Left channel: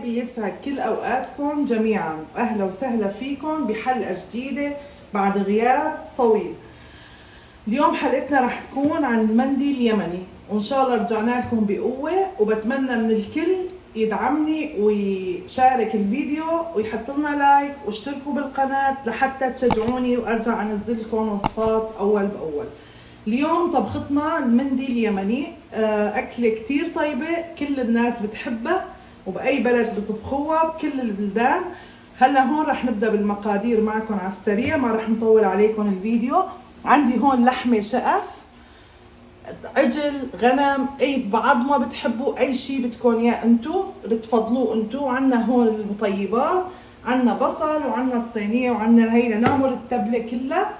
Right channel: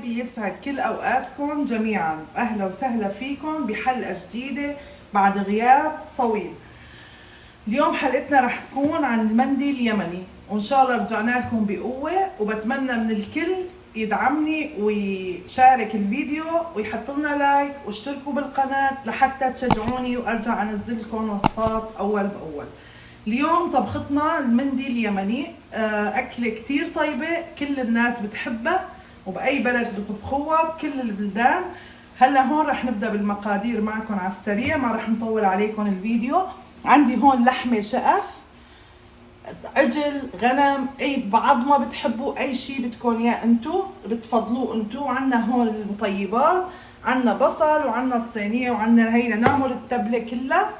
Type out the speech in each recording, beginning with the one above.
حبايبي، يسعد كل اوقاتكم جميعا. اهلا وسهلا فيكم بحلقه جديده بعد غياب طويل. اليوم حلقتنا رح تكون عن المندي اليمني، وان شاء الله رجعنا لكم بقوه. وبتمنى من الكل يدعمني ويشارك الفيديو ويحط لنا لايك واشتركوا بالقناه لحتى تشجعوني وارجع انزل لكم وصفات اول باول. اليوم طبختنا المندي اليمني، أكلة كتير طيبة كل الناس بتحبها، وبأي بلد بطبخوها بكل البلدان. هلا هون رح نبدأ بالمقادير معكم على السريع، ما رح نطول عليكم الفيديو. عندي هون لحمة شقف، عجل، غنم، أي بعض ما بتحبوا، أي شيء بدكم إياه أنتو بتفضلوه أنتو. عندنا هون المطيبات، عندنا بصل، وعندنا الصينية، وعندنا هي لنعمل التبلة كلها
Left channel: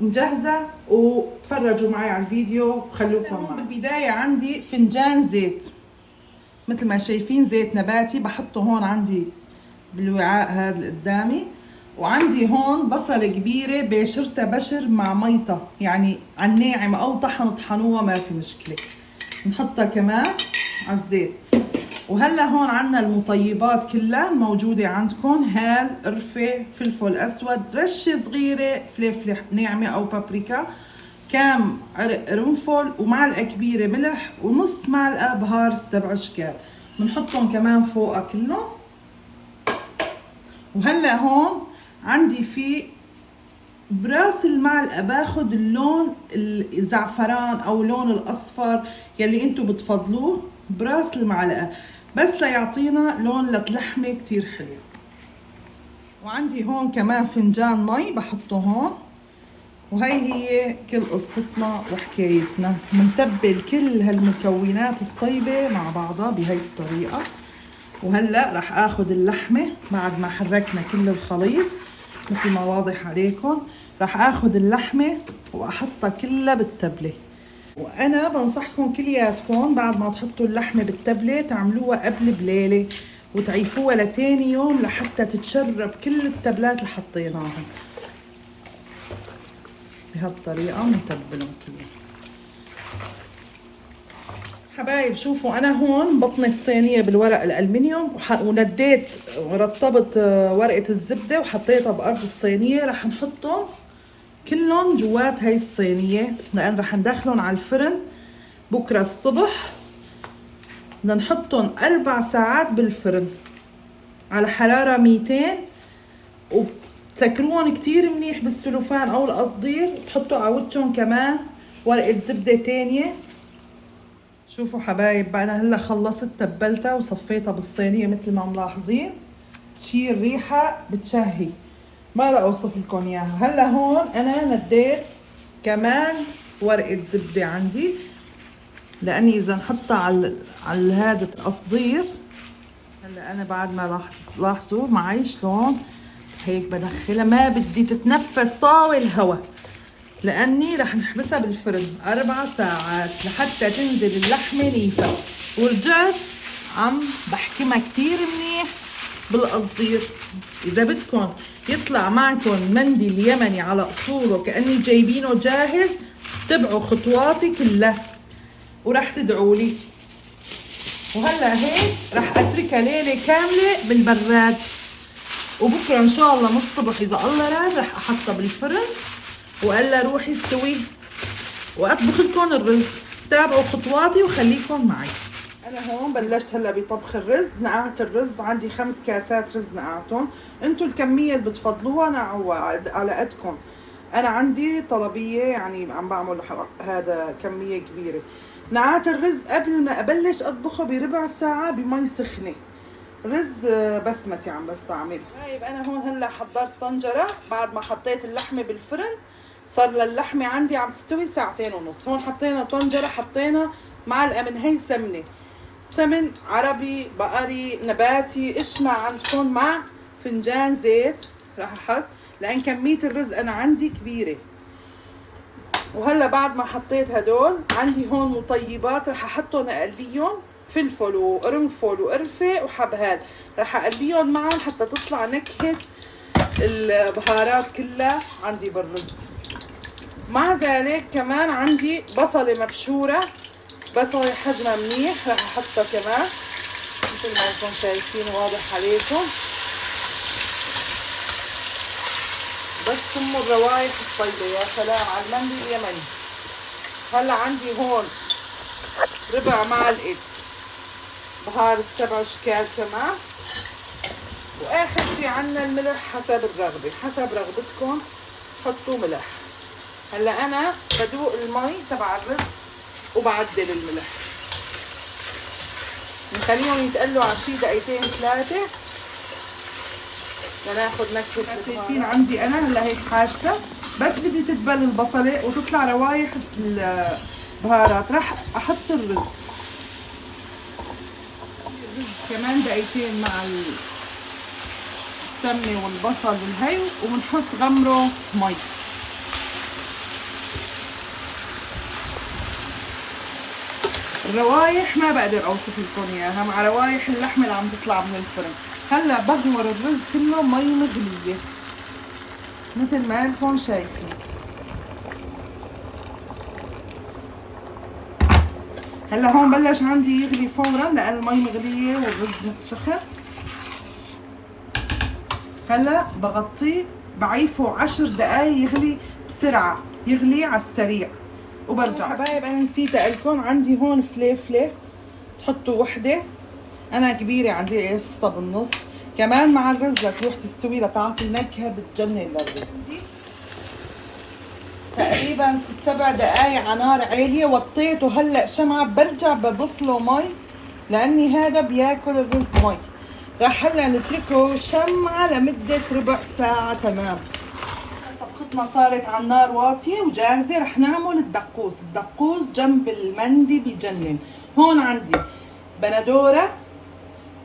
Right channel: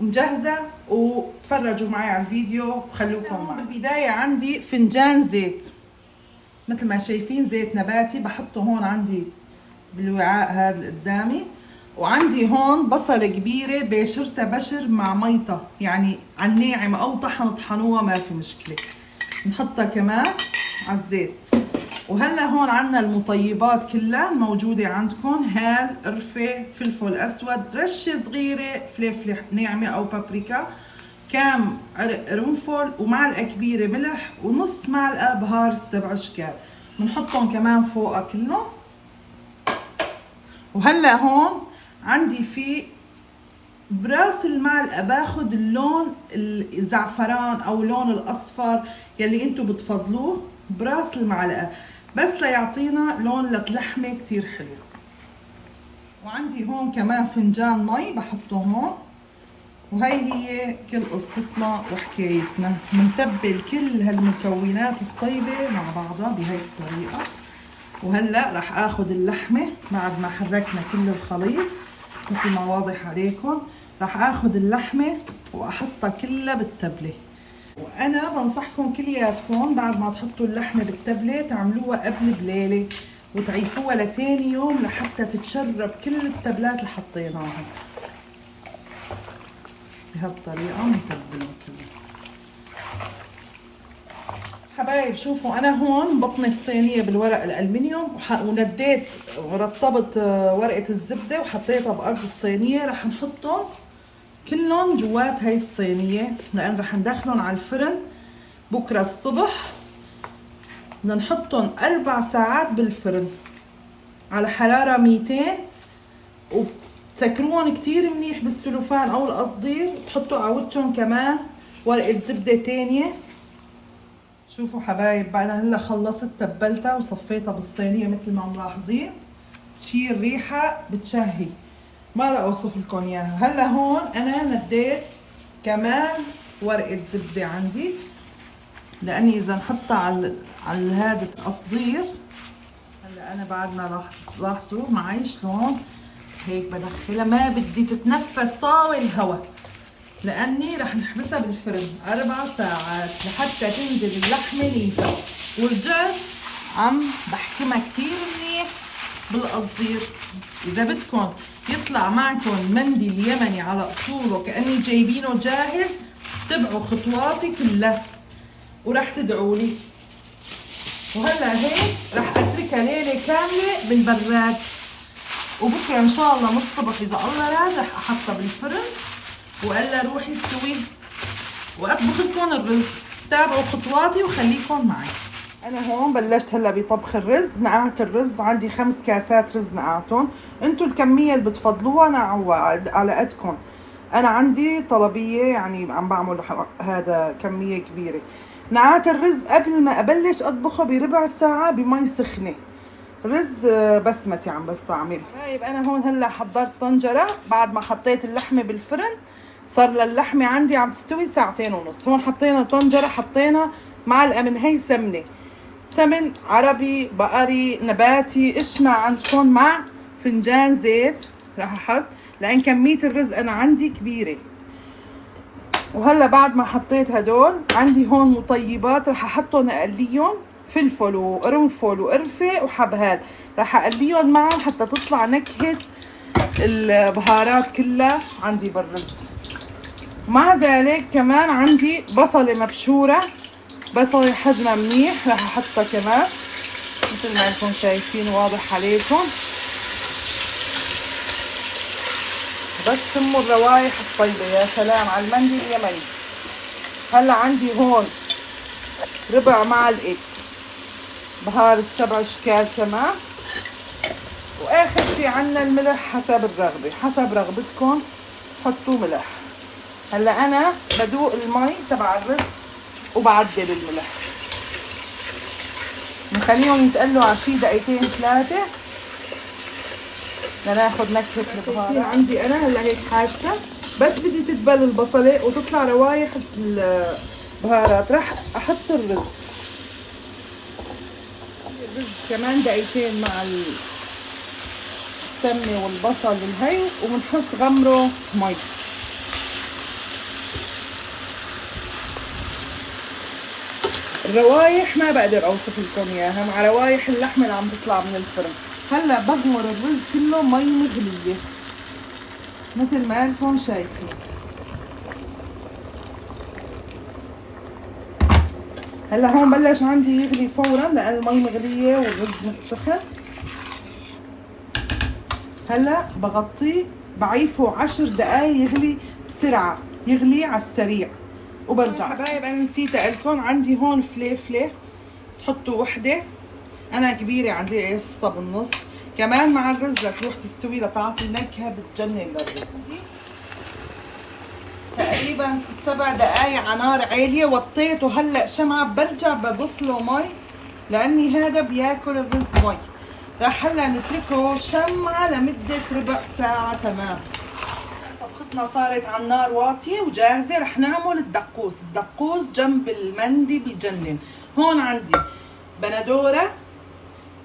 مجهزة. وتفرجوا معي على الفيديو وخلوكم معي. بالبداية عندي فنجان زيت، مثل ما شايفين زيت نباتي بحطه هون عندي بالوعاء هذا اللي قدامي. وعندي هون بصلة كبيرة بشرتها بشر مع ميطة، يعني على الناعمة أو طحنوها ما في مشكلة، نحطها كمان على الزيت. وهلا هون عندنا المطيبات كلها موجودة عندكم، هال، قرفة، فلفل أسود، رشة صغيرة فلفل ناعمة أو بابريكا، كام عرق قرنفل، ومعلقة كبيرة ملح، ونص معلقة بهار السبع أشكال بنحطهم كمان فوقها كلهم. وهلا هون عندي في براس المعلقة باخد اللون الزعفران أو اللون الأصفر يلي انتو بتفضلوه براس المعلقة، بس ليعطينا لون للحمة كتير حلو. وعندي هون كمان فنجان مي بحطه هون. وهي هي كل قصتنا وحكايتنا، بنتبل كل هالمكونات الطيبة مع بعضها بهي الطريقة. وهلأ رح اخد اللحمة بعد ما حركنا كل الخليط مثل ما واضح عليكم، رح اخد اللحمة واحطها كلها بالتبلة. وانا بنصحكم كلياتكم بعد ما تحطوا اللحمه بالتبله تعملوها قبل بليله وتعيفوها لتاني يوم لحتى تتشرب كل التبلات اللي حطيناها. بهالطريقه بنتبلهم كلهم. حبايب شوفوا، انا هون بطني الصينيه بالورق الالمنيوم ونديت ورطبت ورقه الزبده وحطيتها بارض الصينيه. رح نحطهم كلهم جوات هاي الصينية لأن رح ندخلهم على الفرن بكرة الصبح. بدنا نحطهم 4 ساعات بالفرن على حرارة 200، وتسكروهم كتير منيح بالسلوفان أو القصدير، وتحطوا على وجههم كمان ورقة زبدة تانية. شوفوا حبايب، بعد هلا خلصت تبلتها وصفيتها بالصينية مثل ما ملاحظين، تشيل ريحة بتشهي ما لا اوصف لكم اياها. هلا هون انا نديت كمان ورقه زبده عندي، لاني اذا نحطها على هذا القصدير. هلا انا بعد ما لاحظوا معي شلون هيك بدخلها، ما بدي تتنفس طاوي الهواء لاني رح نحبسها بالفرن 4 ساعات لحتى تنزل اللحمه نيفه. ورجعت عم بحكمها كتير منيح بالقصدير. اذا بدكم يطلع معكم مندي اليمني على اصوله كاني جايبينه جاهز، تبعوا خطواتي كلها ورح تدعوا لي. وهلا هيك رح اتركها ليله كامله بالبراد، وبكره ان شاء الله من الصبح اذا الله راد رح احطها بالفرن والا روحي استوي واطبخ لكم الرز. تابعوا خطواتي وخليكم معي. انا هون بلشت هلا بطبخ الرز. نقعت الرز عندي 5 كاسات رز نقعتهم، انتم الكميه اللي بتفضلوها نقعوا على قدكم. انا عندي طلبيه يعني عم بعمل هذا كميه كبيره. نقعت الرز قبل ما ابلش اطبخه بربع ساعه بمي سخنه، رز بسمتي عم بستعمل. طيب انا هون هلا حضرت طنجره بعد ما حطيت اللحمه بالفرن، صار اللحمه عندي عم تستوي 2.5 ساعة. هون حطينا طنجره، حطينا معلقه من هي سمنه، سمن عربي بقري نباتي ايش ما عندكم، مع فنجان زيت راح احط لان كميه الرز انا عندي كبيره. وهلا بعد ما حطيت هدول عندي هون مطيبات راح احطهم اقليهم، فلفل وقرنفل وقرفه وحبهان، راح اقليهم معهم حتى تطلع نكهه البهارات كلها عندي بالرز. مع ذلك كمان عندي بصله مبشوره، بصله حجمها منيح راح احطها كمان. مثل ما انتم شايفين واضح عليكم. بس شموا الروايح الطيبة. يا سلام على المندي يا مي. هلا عندي هون ربع معلقة بهار السبع اشكال كمان. واخر شي عنا الملح حسب الرغبة، حسب رغبتكم حطوا ملح. هلا انا بدوق المي تبع الرز وبعدل الملح. بنخليهم يتقلوا على شي دقيقتين 3 لناخد نكهة. شايفين عندي انا هلا هيك حاجتها، بس بدي تدبل البصلة وتطلع روايح البهارات. راح احط الرز كمان دقيقتين مع السمنة والبصل والهي، وبنحط غمره مي. الروايح ما بقدر اوصف لكم اياها، مع روايح اللحمة اللي عم تطلع من الفرن. هلا بغمر الرز كله مي مغلية مثل ما انتم شايفين. هلا هون بلش عندي يغلي فورا لان المي مغلية والرز سخن. هلا بغطيه بعيفه 10 دقايق يغلي بسرعة، يغلي على السريع وبرجع. حبايب انا نسيت اقلكم، عندي هون فليفلة تحطوا وحدة، انا كبيرة عندي قصة بالنص كمان مع الرز لتروح تستوي لتعطي نكهة بتجنن للرز. تقريبا 6-7 دقايق على نار عالية، وطيته هلا شمعة. برجع بضيف له مي لاني هذا بياكل الرز مي. راح هلا نتركه شمعة لمدة ربع ساعة تمام. طبختنا صارت على النار واطية وجاهزة. رح نعمل الدقوس. الدقوس جنب المندي بجنن. هون عندي بندورة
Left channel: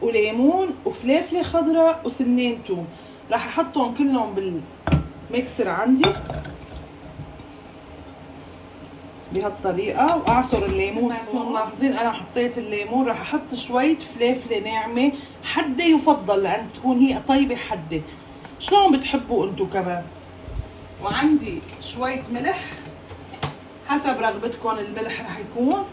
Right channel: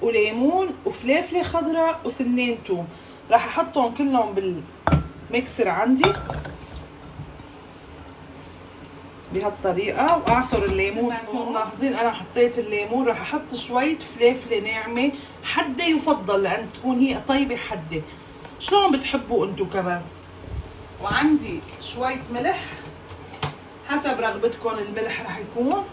وليمون وفليفلة خضراء وسنين توم. راح احطهم كلهم بالميكسر عندي بهالطريقة واعصر الليمون. تكونوا ملاحظين انا حطيت الليمون. راح احط شوية فليفلة ناعمة حدة يفضل لان تكون هي طيبة حدة، شلون بتحبوا انتو كمان. وعندي شوية ملح حسب رغبتكم، الملح راح يكون.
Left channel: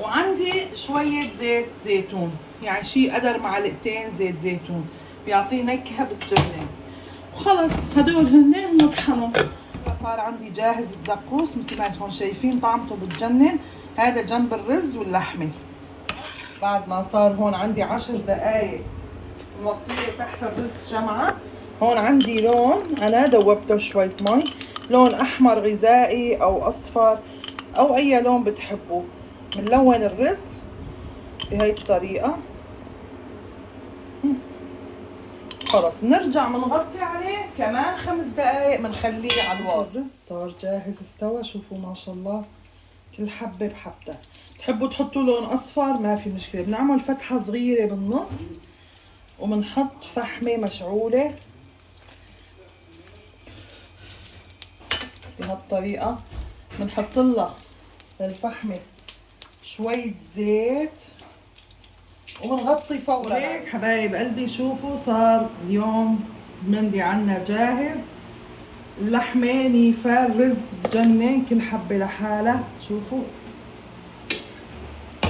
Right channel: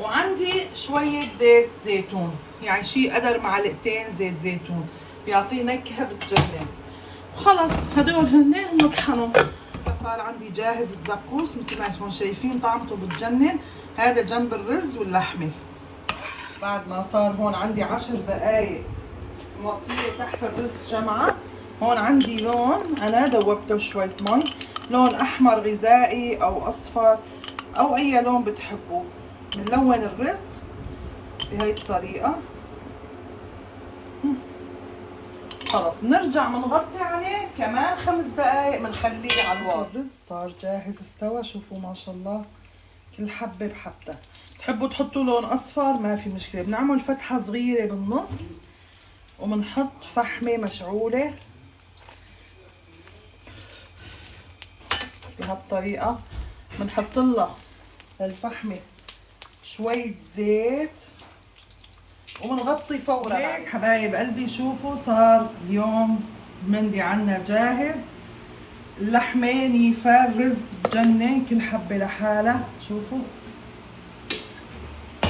وعندي شوية زيت زيتون، يعني شي قدر معلقتين زيت زيتون بيعطيه نكهة بتجنن. وخلص هدول هن نطحنوا. صار عندي جاهز الدقوس مثل ما انتم شايفين، طعمته بتجنن. هذا جنب الرز واللحمة. بعد ما صار هون عندي 10 دقايق موطيه تحت الرز شمعة. هون عندي لون انا دوبته شوية مي، لون احمر غذائي او اصفر او اي لون بتحبوه. بنلون الرز بهي الطريقة. خلص بنرجع بنغطي عليه كمان 5 دقايق بنخليه على الواطي. الرز صار جاهز استوى. شوفوا ما شاء الله كل حبة بحبتها. تحبوا تحطوا لون اصفر ما في مشكلة. بنعمل فتحة صغيرة بالنص وبنحط فحمة مشعولة بهالطريقة. بنحط لها للفحمة شوية زيت وبنغطي فورا. هيك حبايب قلبي شوفوا صار اليوم المندي عنا جاهز. اللحمة نيفة، الرز بجنن كل حبة لحالها. شوفوا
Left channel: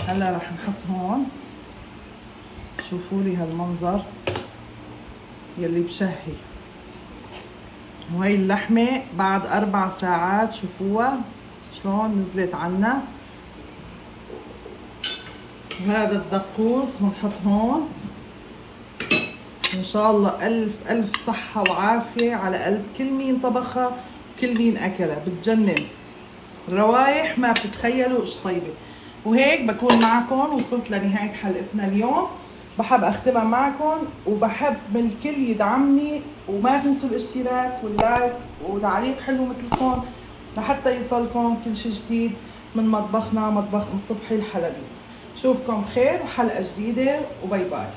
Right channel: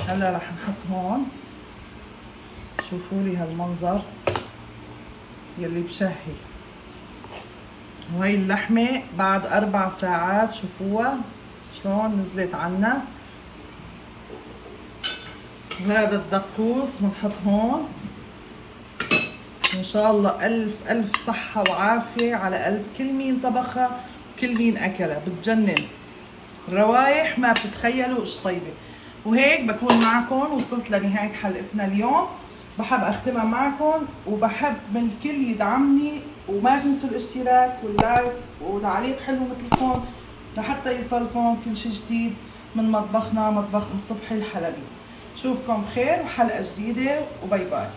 هلا رح نحط هون. شوفوا لي هالمنظر يلي بشهي. وهي اللحمة بعد 4 ساعات شوفوها شلون نزلت عنا. وهذا الدقوس بنحط هون. ان شاء الله الف الف صحة وعافية على قلب كل مين طبخها وكل مين اكلها. بتجنن الروايح ما بتتخيلوا ايش طيبة. وهيك بكون معكم وصلت لنهاية حلقتنا اليوم. بحب اختمها معكم وبحب من الكل يدعمني، وما تنسوا الاشتراك واللايك وتعليق حلو مثلكم لحتى يوصلكم كل شيء جديد من مطبخنا مطبخ ام صبحي الحلبي. اشوفكم بخير وحلقة جديدة وباي باي.